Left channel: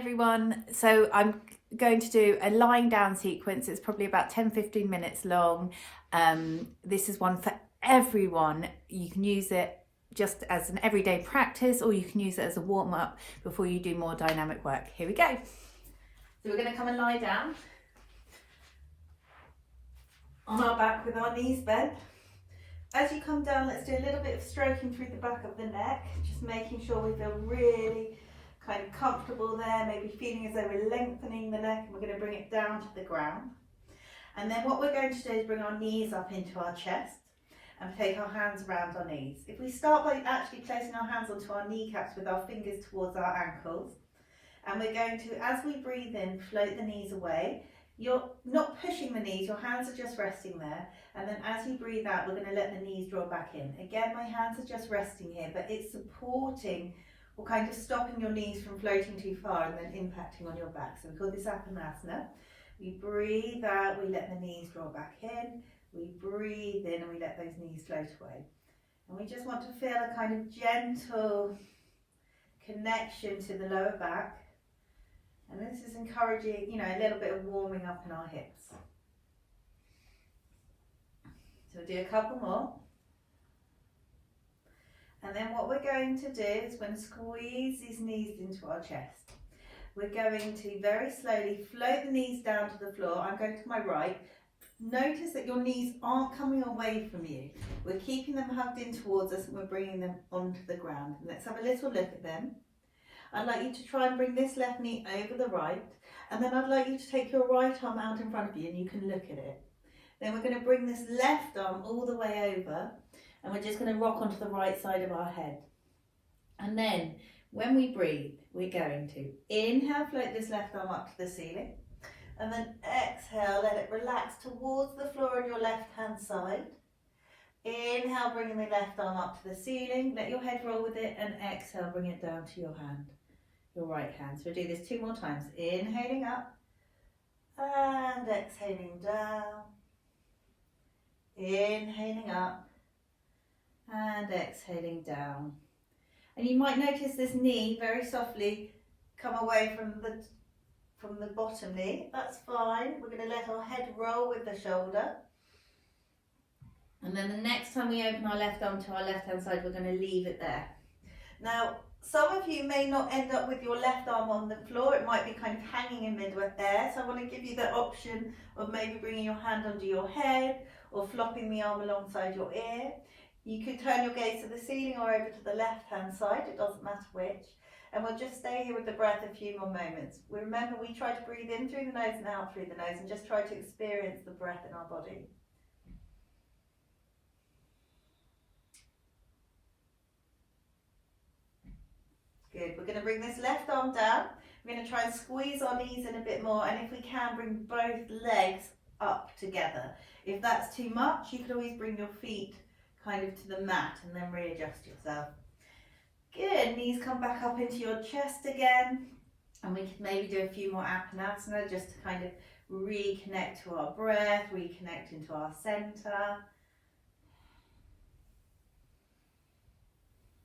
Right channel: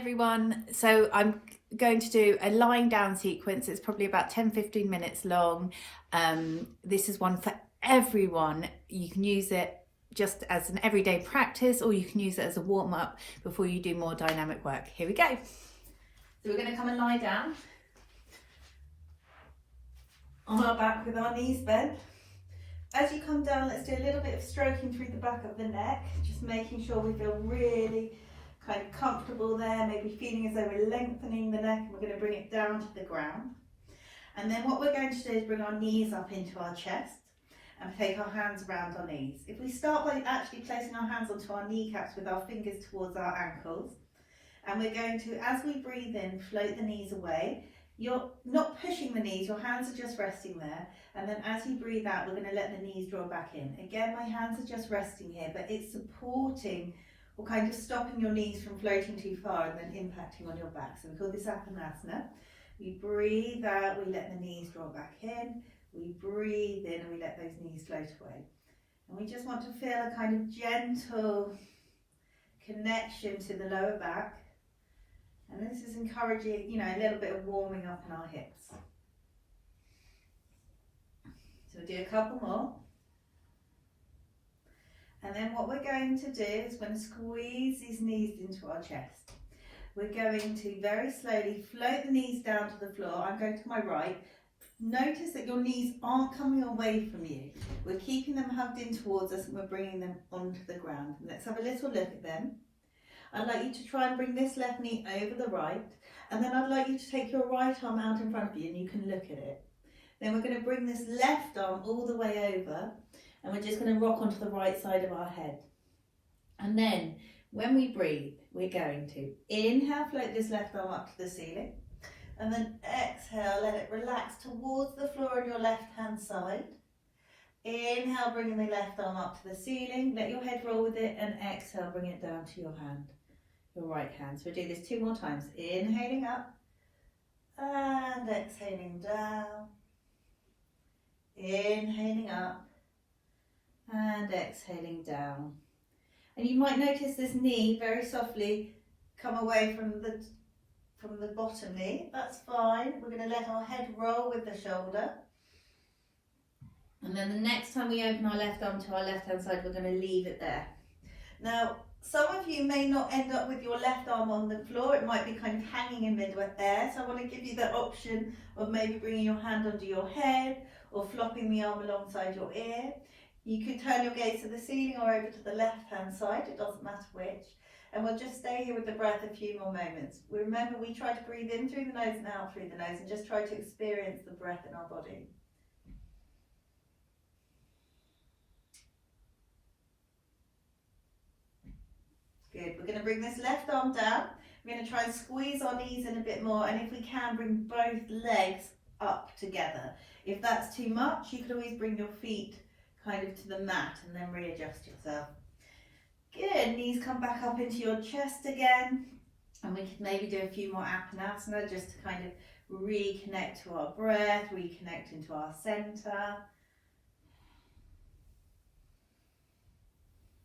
everyone. So I'm going to do a lying down sequence. It's probably about 10-15 minutes long. This is one for everyone. You can use it just as an everyday practice, or you can use it as a warm-up before you do more dynamic work. Here we go. So we're going to come and lie down on our back with our knees bent. As you come down, let's do a little bit of stroking through the back of the neck, just making sure we feel really kind of comfortable there, maybe feeling as though we're lengthening the neck, and we're going to bring it down to the ground. And then what we're going to do is bring our knees up into our chest and take our hands around our knees. If we start by actually placing our hands onto our kneecaps with our fingers towards our ankles, and we're going to, as we breathe in, float the knees away. You're not pushing the knees, your hands are just resting there. And then as you breathe out, we're going to let the knees draw back in. Again, my hands are just resting here, but it's supporting or kind of stopping your knees from floating too far and then impacting on your back. So we call this Apanasana. We breathe out, we let the knees draw back in. We breathe in and we let those knees float away. And we just want to feel a kind of gentle connection to the lower back. And this is encouraging, a little bit of warming up in our hips. So we'll do a couple more. And then what we're going to do is we're going to squeeze these knees into our chest. We're going to very slowly float the knees down to the floor. I'm going to my right. Notice that your knees aren't coming away from you. We're keeping them hugged in towards us and we're bringing them onto the ground. Let's have a little look at them. I'd like you to try and bring this left knee over the right, and then I'd like you to take your right arm out in front of you and you can look at it. Then we're going to bring this left arm all the way over, and we're just going to rock onto the right side of our head. And then when we breathe, we're going to inhale, float this left arm up to the ceiling, and then exhale, let it relax towards the floor on your left hand side. Inhale, bringing the left arm up to the ceiling, let your head roll with it, and exhale, bring it down to your hand. Your right hand. So we'll do this 2 more times. Inhaling up and exhaling down. Inhaling up and exhaling down. And you might notice this knee very softly come away from the bottom knee. That's fine. We're going to let our head roll with the shoulder. And then the next time we open our left arm to our left hand side, we're going to leave it there. Now, some of you may not end up with your left arm on the floor. It might be kind of hanging in mid-air. So I want to give you the option of maybe bringing your hand under your head or flopping the arm alongside your ear. You could turn your gaze to the ceiling or over to the left-hand side. It doesn't matter which. And we'll just stay here with the breath a few more moments. Remember, we try to breathe in through the nose and out through the nose and just try to experience the breath in our body. Good, we're going to bring this left arm down. We're going to try and squeeze our knees in a bit more, and if we can, bring both legs up together. If that's too much, you can always bring your feet kind of to the mat and then readjust yourself. Good, knees come back up into your chest again, and we can maybe do a few more Apanasana just to kind of reconnect to our breath, reconnect into our center.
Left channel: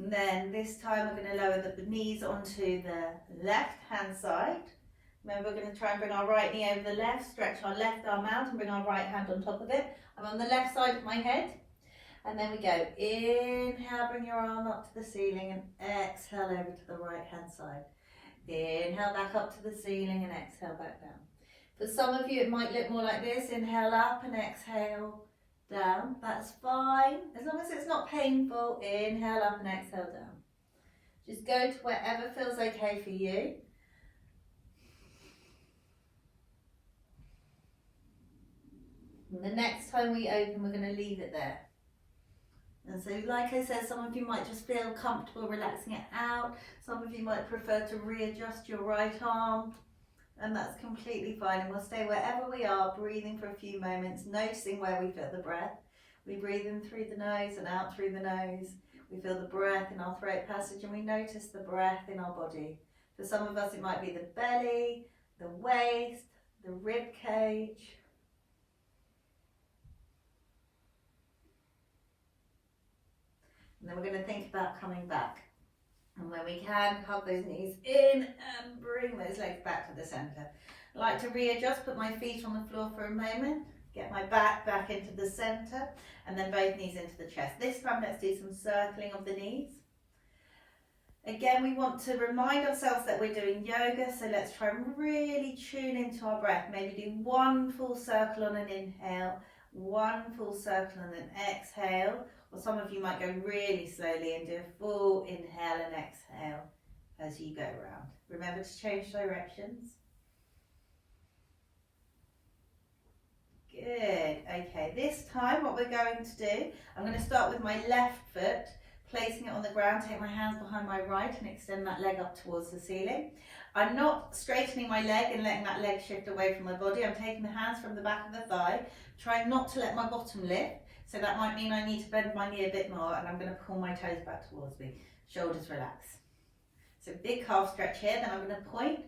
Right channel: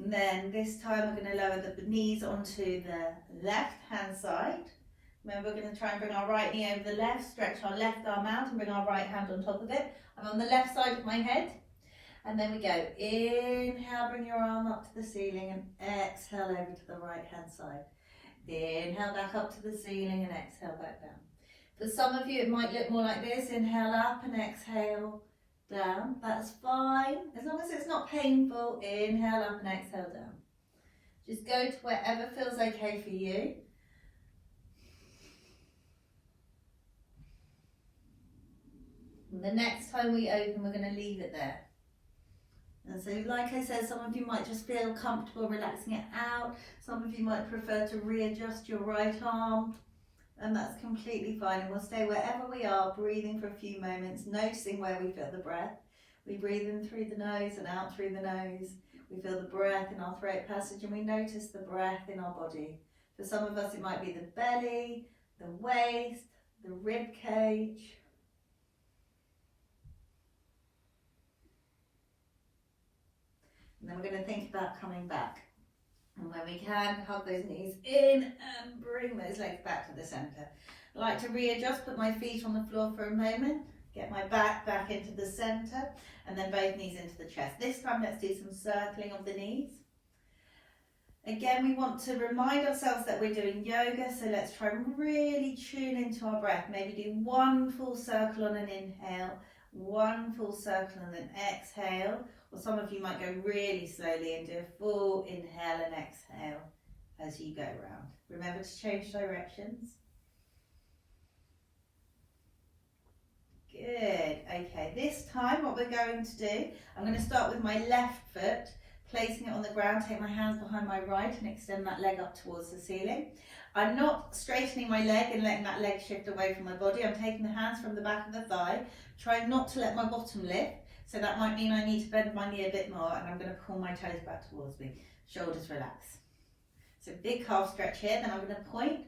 And then this time we're going to lower the knees onto the left hand side. Remember, we're going to try and bring our right knee over the left, stretch our left arm out and bring our right hand on top of it. I'm on the left side of my head. And then we go, inhale, bring your arm up to the ceiling and exhale over to the right hand side. Inhale back up to the ceiling and exhale back down. For some of you it might look more like this, inhale up and exhale down, that's fine, as long as it's not painful. Inhale up and exhale down. Just go to wherever feels okay for you. And the next time we open, we're going to leave it there. And so, like I said, some of you might just feel comfortable relaxing it out. Some of you might prefer to readjust your right arm. And that's completely fine, and we'll stay wherever we are, breathing for a few moments, noticing where we feel the breath. We breathe in through the nose and out through the nose. We feel the breath in our throat passage and we notice the breath in our body. For some of us it might be the belly, the waist, the rib cage. And then we're going to think about coming back. And when we can, hug those knees in and bring those legs back to the centre. I like to readjust, put my feet on the floor for a moment, get my back into the centre, and then both knees into the chest. This time let's do some circling of the knees. Again, we want to remind ourselves that we're doing yoga, so let's try and really tune into our breath. Maybe do one full circle on an inhale, one full circle on an exhale, or some of you might go really slowly and do a full inhale and exhale as you go around. Remember to change directions. Good. Okay, this time what we're going to do, I'm going to start with my left foot, placing it on the ground, take my hands behind my right and extend that leg up towards the ceiling. I'm not straightening my leg and letting that leg shift away from my body. I'm taking the hands from the back of the thigh, trying not to let my bottom lift. So that might mean I need to bend my knee a bit more, and I'm going to pull my toes back towards me. Shoulders relax. So big calf stretch here, then I'm going to point.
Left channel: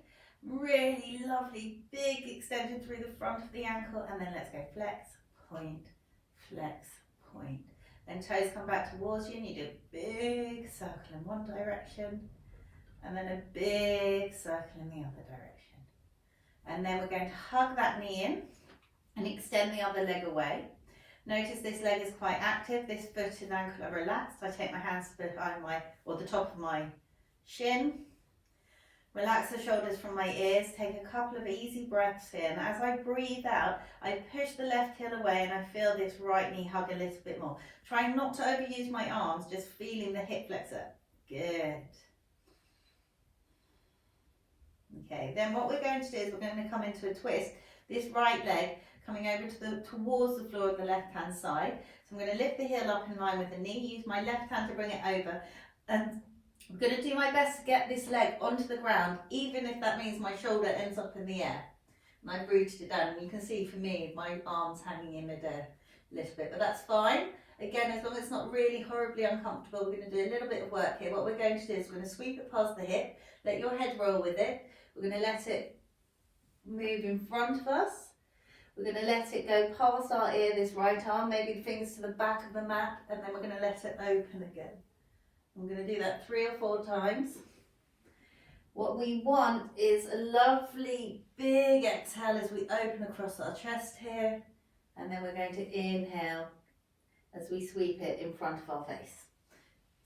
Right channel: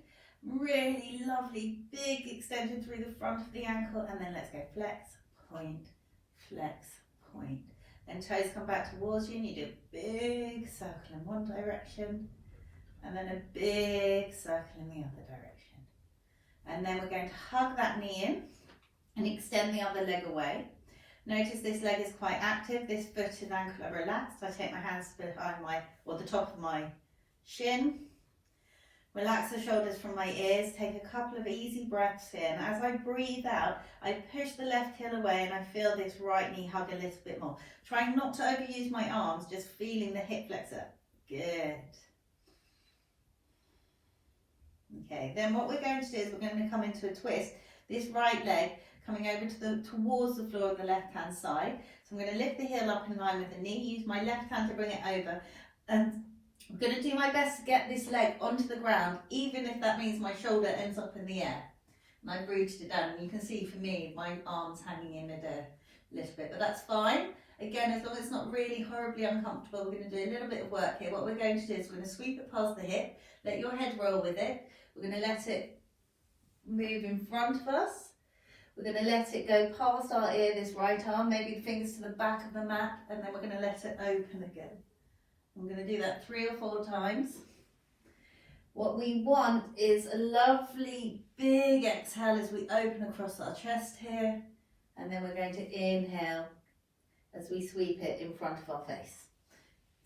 Really lovely big extension through the front of the ankle, and then let's go flex, point, flex, point. Then toes come back towards you and you do a big circle in one direction and then a big circle in the other direction. And then we're going to hug that knee in and extend the other leg away. Notice this leg is quite active, this foot and ankle are relaxed. I take my hands behind the top of my shin. Relax the shoulders from my ears, take a couple of easy breaths in. As I breathe out, I push the left heel away and I feel this right knee hug a little bit more. Trying not to overuse my arms, just feeling the hip flexor. Good. Okay, then what we're going to do is we're going to come into a twist. This right leg coming over towards the floor of the left hand side. So I'm going to lift the heel up in line with the knee, use my left hand to bring it over, and I'm going to do my best to get this leg onto the ground, even if that means my shoulder ends up in the air. And I've rooted it down, and you can see for me, my arm's hanging in midair a little bit, but that's fine. Again, as long as it's not really horribly uncomfortable, we're going to do a little bit of work here. What we're going to do is we're going to sweep it past the hip, let your head roll with it. We're going to let it move in front of us. We're going to let it go past our ear, this right arm, maybe the fingers to the back of the mat, and then we're going to let it open again. I'm going to do that 3 or 4 times. What we want is a lovely big exhale as we open across our chest here, and then we're going to inhale as we sweep it in front of our face.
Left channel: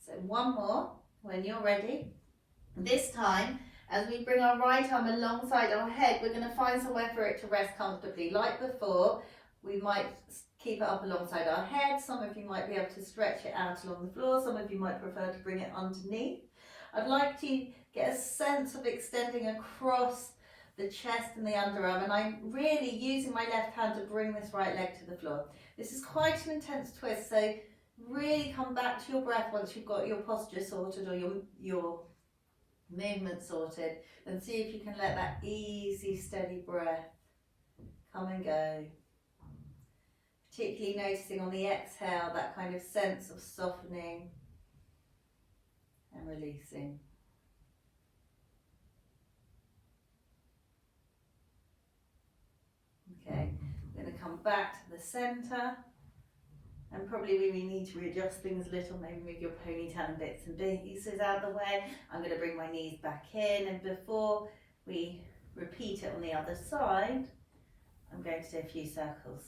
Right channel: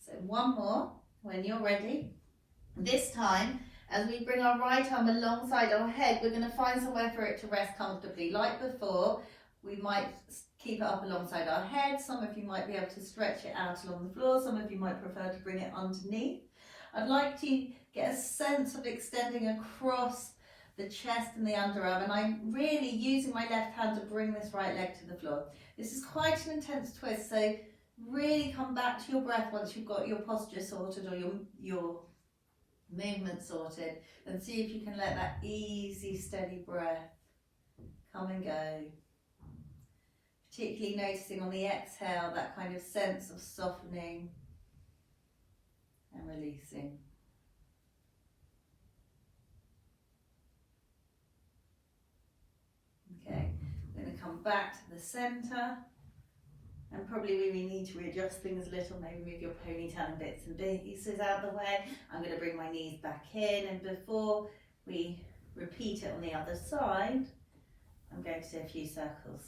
So one more when you're ready. This time, as we bring our right arm alongside our head, we're going to find somewhere for it to rest comfortably. Like before, we might keep it up alongside our head. Some of you might be able to stretch it out along the floor. Some of you might prefer to bring it underneath. I'd like to get a sense of extending across the chest and the underarm, and I'm really using my left hand to bring this right leg to the floor. This is quite an intense twist, so really come back to your breath once you've got your posture sorted or your movement sorted, and see if you can let that easy, steady breath come and go. Particularly noticing on the exhale that kind of sense of softening and releasing. Okay, I'm going to come back to the centre, and probably we need to readjust things a little, maybe move your ponytail and bits and pieces out of the way. I'm going to bring my knees back in, and before we repeat it on the other side, I'm going to do a few circles.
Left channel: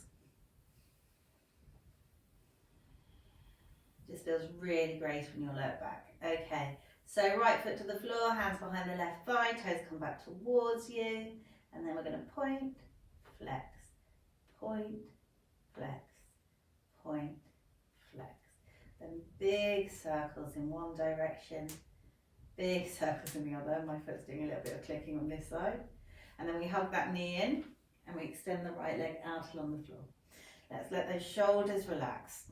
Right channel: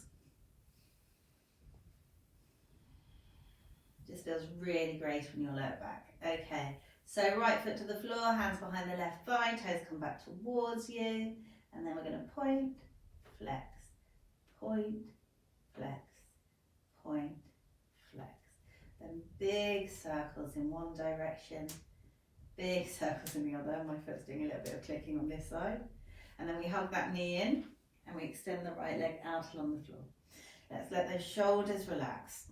Just feels really great on your lower back. Okay, so right foot to the floor, hands behind the left thigh, toes come back towards you, and then we're going to point, flex, point, flex, point, flex. Then big circles in one direction, big circles in the other. My foot's doing a little bit of clicking on this side. And then we hug that knee in and we extend the right leg out along the floor. Let's let those shoulders relax.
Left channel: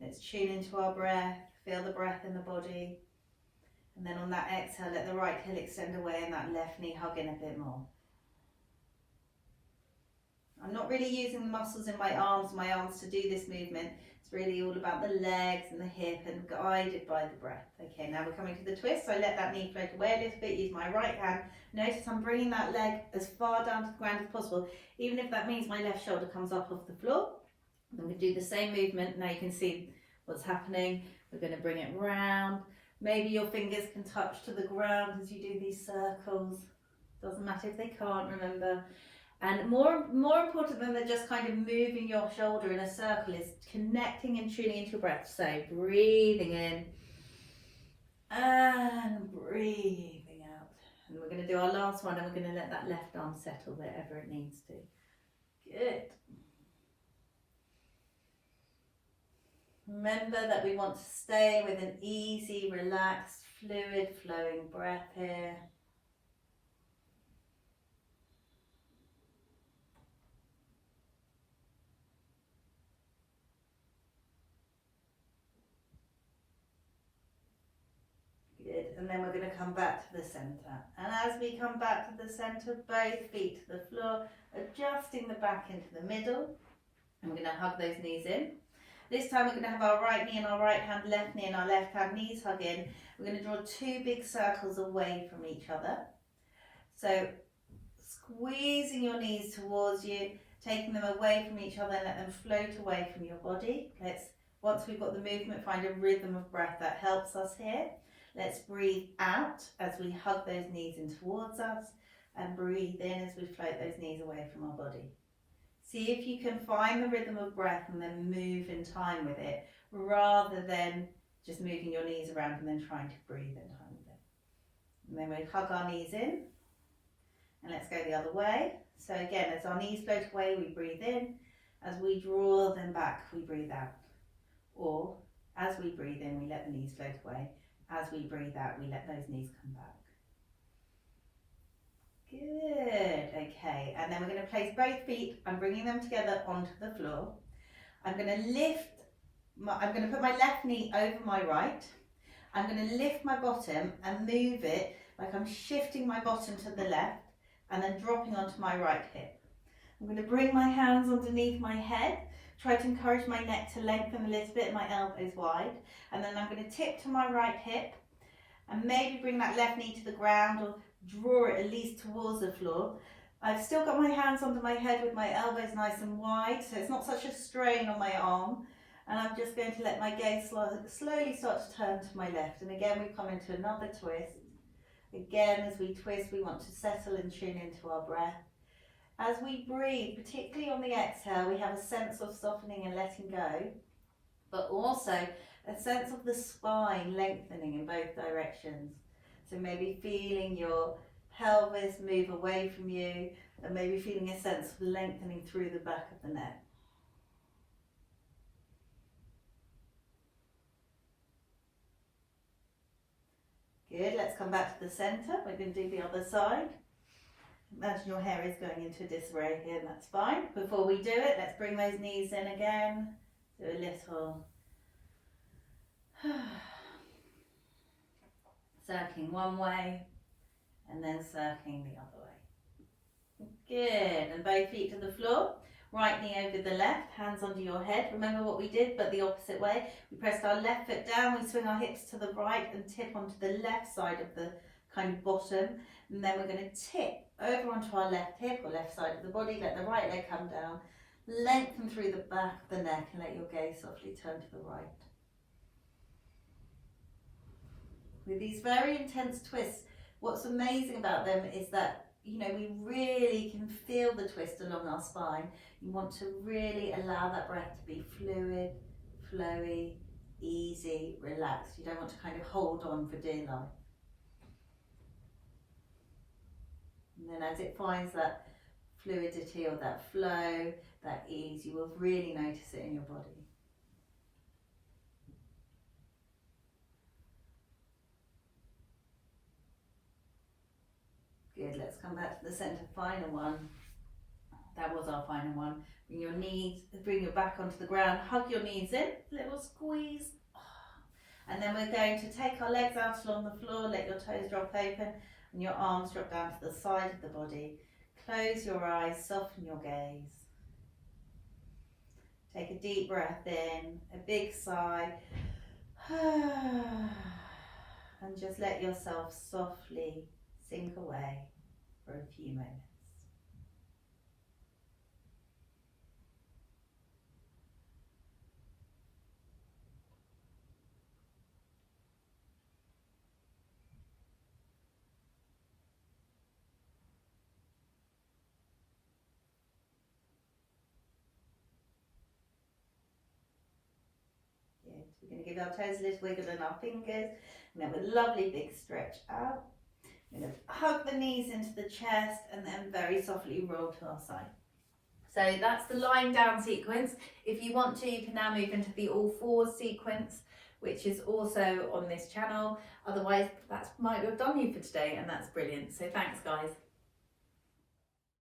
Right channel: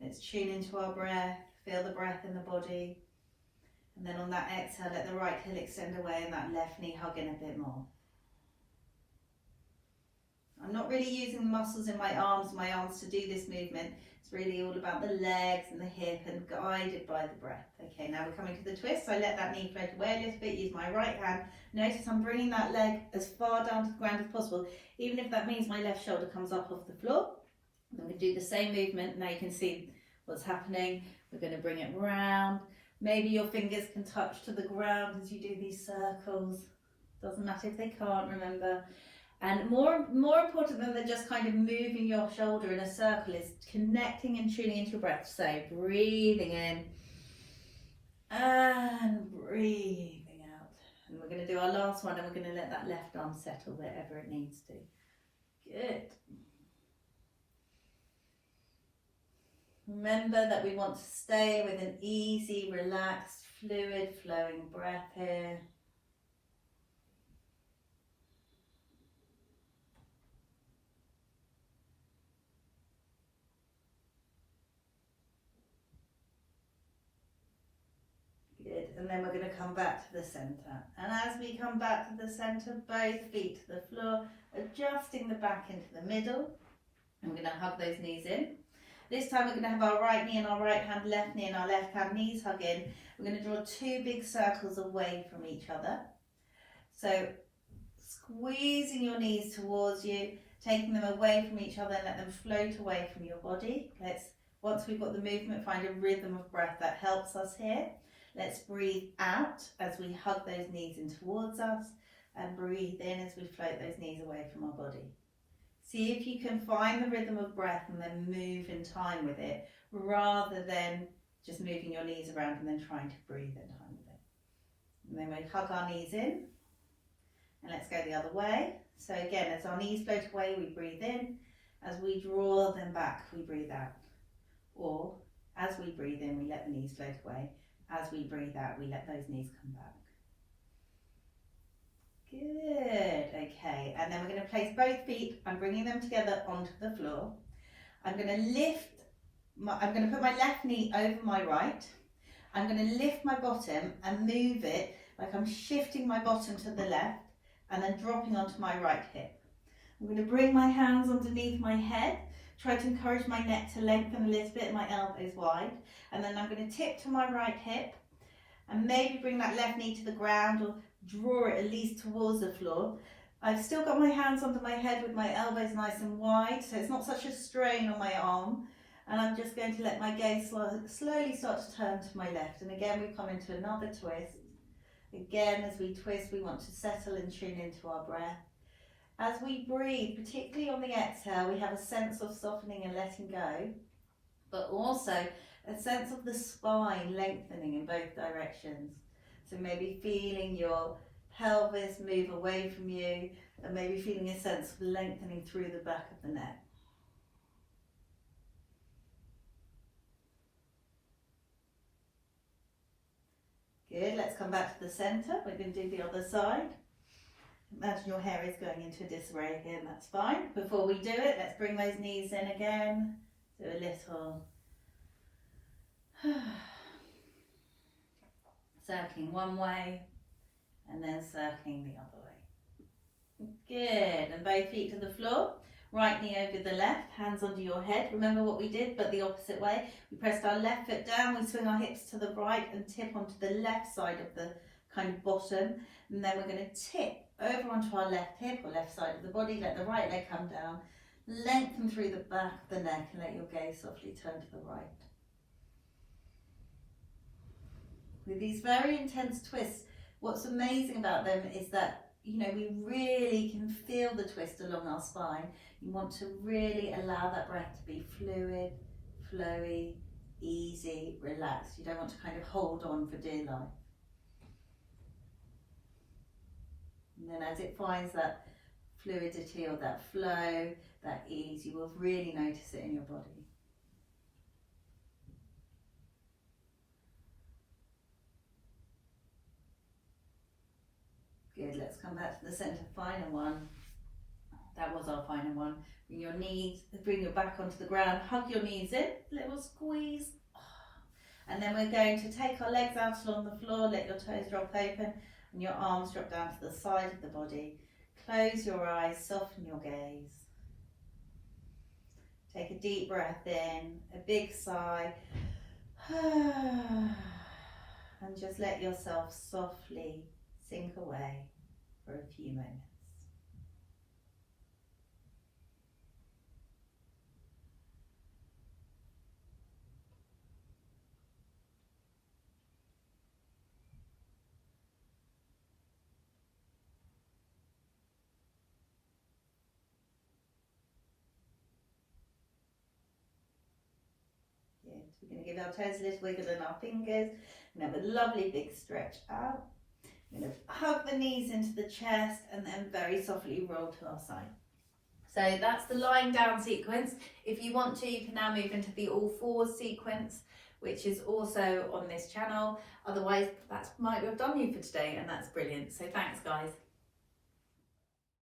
Let's tune into our breath, feel the breath in the body. And then on that exhale, let the right heel extend away and that left knee hug in a bit more. I'm not really using the muscles in my arms to do this movement. It's really all about the legs and the hip and guided by the breath. Okay, now we're coming to the twist. So I let that knee float away a little bit, use my right hand. Notice I'm bringing that leg as far down to the ground as possible, even if that means my left shoulder comes up off the floor. I'm going to do the same movement. Now you can see what's happening. We're going to bring it round. Maybe your fingers can touch to the ground as you do these circles. Doesn't matter if they can't, remember. And more important than just kind of moving your shoulder in a circle is connecting and tuning into your breath. So breathing in and breathing out. And we're going to do our last one, and we're going to let that left arm settle wherever it needs to. Good. Remember that we want to stay with an easy, relaxed, fluid flowing breath here. Good, and then we're going to come back to the centre. And as we come back to the centre, both feet to the floor, adjusting the back into the middle. And we're going to hug those knees in. This time we're going to have our right knee and our right hand, left knee and our left hand, knees hug in. We're going to draw two big circles away from each other. So squeezing your knees towards you, taking them away from each other and let them float away from your body. Once we've got the movement, find a rhythm of breath that helps us here. Let's breathe out as we hug those knees in towards us, and breathe in as we float those knees away from our body. See if you can find the rhythm of breath and then move in time with it, rather than just moving your knees around and then trying to breathe in time with it. And then we hug our knees in, and let's go the other way. So again, as our knees float away, we breathe in. As we draw them back, we breathe out. Or as we breathe in, we let the knees float away. As we breathe out, we let those knees come back. Good, okay, and then we're going to place both feet. I'm bringing them together onto the floor. I'm going to I'm going to put my left knee over my right. I'm going to lift my bottom and move it like I'm shifting my bottom to the left and then dropping onto my right hip. I'm going to bring my hands underneath my head, try to encourage my neck to lengthen a little bit, my elbows wide, and then I'm going to tip to my right hip and maybe bring that left knee to the ground or draw it at least towards the floor. I've still got my hands under my head with my elbows nice and wide, so it's not such a strain on my arm. And I'm just going to let my gaze slowly start to turn to my left. And again, we come into another twist. Again, as we twist, we want to settle and tune into our breath. As we breathe, particularly on the exhale, we have a sense of softening and letting go, but also a sense of the spine lengthening in both directions. So maybe feeling your pelvis move away from you, and maybe feeling a sense of lengthening through the back of the neck. Good, let's come back to the centre. We're going to do the other side. Imagine your hair is going into a disarray here, and that's fine. Before we do it, let's bring those knees in again. Do a little circling one way and then circling the other way. Good, and both feet to the floor. Right knee over the left, hands under your head. Remember what we did, but the opposite way. We pressed our left foot down, we swing our hips to the right and tip onto the left side of the kind of bottom. And then we're going to tip over onto our left hip or left side of the body. Let the right leg come down. Lengthen through the back of the neck and let your gaze softly turn to the right. With these very intense twists, what's amazing about them is that, you know, we really can feel the twist along our spine. You want to really allow that breath to be fluid, flowy, easy, relaxed. You don't want to kind of hold on for dear life. And then as it finds that fluidity or that flow, that ease, you will really notice it in your body. Good, let's come back to the centre, final one. That was our final one. Bring your knees, bring your back onto the ground, hug your knees in, little squeeze. And then we're going to take our legs out along the floor, let your toes drop open and your arms drop down to the side of the body. Close your eyes, soften your gaze. Take a deep breath in, a big sigh. And just let yourself softly sink away for a few minutes. So we're going to give our toes a little wiggle and our fingers, and have a lovely big stretch out. We're going to hug the knees into the chest and then very softly roll to our side. So that's the lying down sequence. If you want to, you can now move into the all fours sequence, which is also on this channel. Otherwise, that might have done you for today, and that's brilliant. So thanks, guys.